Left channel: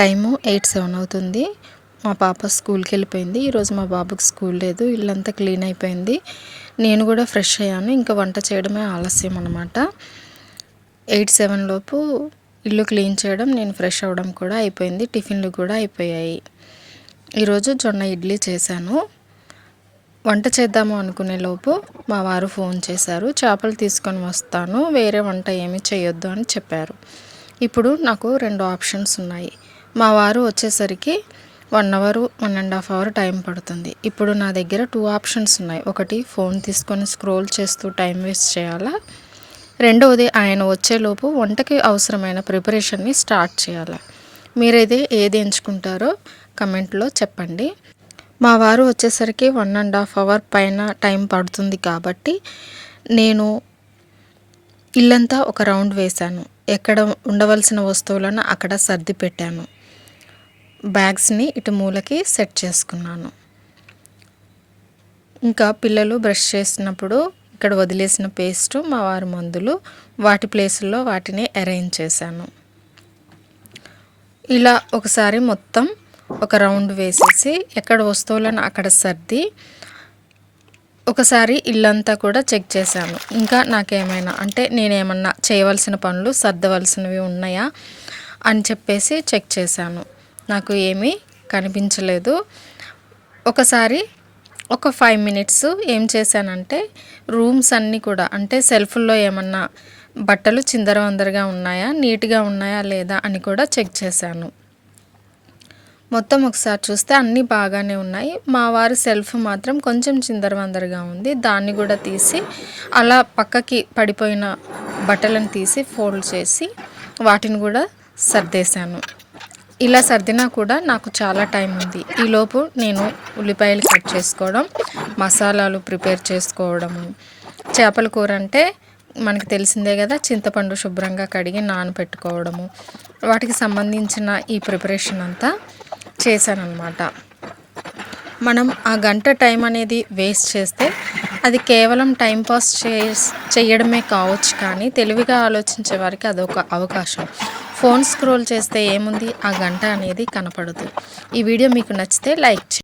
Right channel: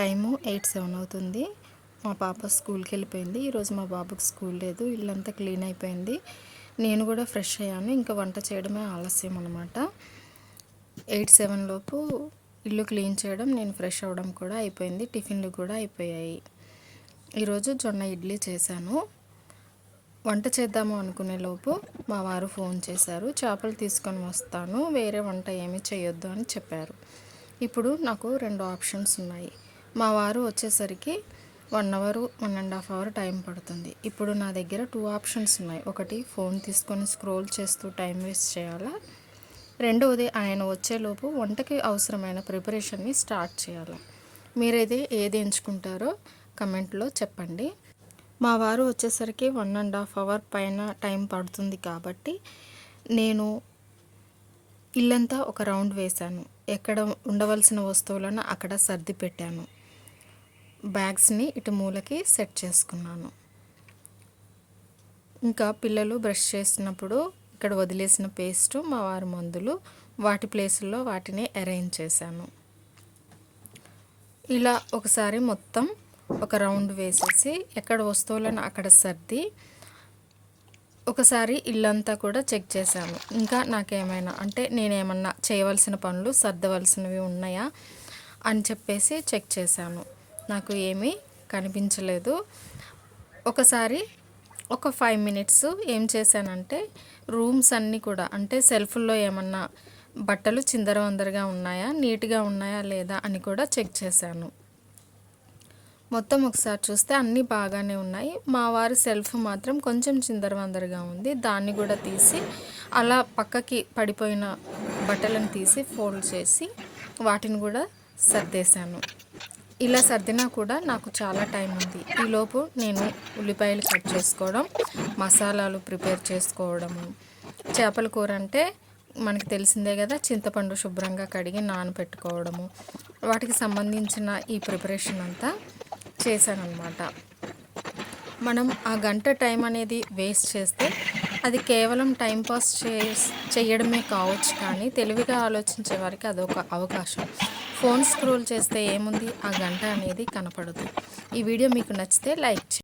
Time 8:07 అవుతుంది. మా పాప స్కూల్కి వెళ్ళిపోయింది. ఈరోజు మా బాబుకి స్కూల్ లేదు. ఇల్లంతా క్లీన్ అయిపోయింది. నేను కూడా ఫ్రెష్ అయ్యాను. ఇంకా వంట చేయడమే ఆలస్యం అనమాట. 8:07 లోపు ఇల్లు క్లీన్ చేయడం, నేను ఫ్రెష్ అవ్వడం కూడా అయిపోయింది. టిఫిన్లు కూడా అయిపోయాయి. ఈరోజు జొన్న ఇడ్లీ చేశాను. వంట చేద్దాము అనుకునే లోపు మా వారు ఫోన్ చేశారు. చేపలు తీసుకొని వస్తాను, వేరే వంట ఏమీ చేయొద్దు అని చెప్పారు. ఇప్పుడు నాకు 2 ఆప్షన్స్ ఉన్నాయి. మా వారు వచ్చేసరికి 1 అవర్ 1.5 అవర్ టైం పడుతుంది. ఇప్పుడు నా దగ్గర 2 ఆప్షన్స్ ఉన్నాయి. ఒకటి ఫోన్ తీసుకొని స్క్రోల్ చేస్తూ టైం వేస్ట్ చేయాలా, రెండవది ఆయన వచ్చేలోపు వంటకి అవసరమైన ప్రిపరేషన్ని స్టార్ట్ చేయాలా. మీరైతే ఏది ఎంచుకుంటారో కమెంట్లో చెప్పండి. మా వారు వచ్చేసరికి 1.5 అవర్ పైన టైం పడుతుంది కాబట్టి నేను ఇల్లంతా ఒక రౌండ్ వేశాను. ఎక్కడ ఉండవలసిన వస్తువులను అక్కడ సర్ది పెట్టాను. బ్యాగ్స్ని ఇటు మూలకి సెట్ చేసుకున్నాను. ఇంకా పిల్లలు బ్రష్ చేసినప్పుడు ఇక్కడ వదిలేసిన పేస్టు, మా వారి మందులు, వాటి ప్లేసుల్లో వాటిని అరేంజ్ చేశాను. ఇలా ఒకసారి మొత్తం ఒక రౌండ్ వేసేసి ఎక్కడ వస్తువులను అక్కడ సర్ది ఒకసారి ఇల్లంతా కూడా చెక్ చేశాను. ఇంకా నాకేమైనా అంటే నేనేమన్నా చేయవలసిన పనులు సర్దవలసినవి ఉన్నాయా అని చెప్పేసి చెక్ చేశాను. నాకు ఏమీ కనిపించలేదు. ఒకసారి ఒక 5 మినిట్స్ ఏం చేశానంటే రూమ్స్ అన్నీ కూడా అంటే సెల్ఫ్ల్లో ఏమన్నా బట్టలు చిందరవందరగా ఉన్నాయా, నీట్గా ఉన్నాయా లేదా అని కూడా చెక్ చేశాను. మొత్తం ఒకసారి చూస్తే అన్నీ బాగానే ఉన్నాయి. మా వారి సెల్ఫ్ మాత్రం కొంచెం చిందరవందరగా ఉంది. దాన్ని కూడా తీసి అలా పక్కకి పడిపోయిన బట్టలను తీసి ఫోల్డ్ చేసి వాటిని కూడా సర్దేశాను. ఇలా సర్దినా కూడా నాకు చాలా టైం ఉంది. ఈలోపు నేను ఉల్లిపాయలు కట్ చేసుకోవడం, మసాలాలు ప్రిపేర్ చేసుకోవడము. చేపల కూర అంటే మనకి తెలిసిందే కదా, చింతపండు శుభ్రంగా కడిగి నానబెట్టుకోవడము, వాటికి సంబంధించిన ఈ ప్రిపరేషన్ అంతా చేశానన్నమాట. మనం ఆ గంట టైం అనేది వేస్ట్ చేస్తే అది కేవలం టైంపాస్ చేయడమే కావచ్చు, కానీ తెలివిగా ఆలోచించే వారికి అదొక అవకాశం. ఫోన్ స్క్రోల్ చేస్తే ఏముంది, ఆ గంట అనేది కనపడదు. ఈ వీడియో మీకు నచ్చితే లైక్ చేయండి.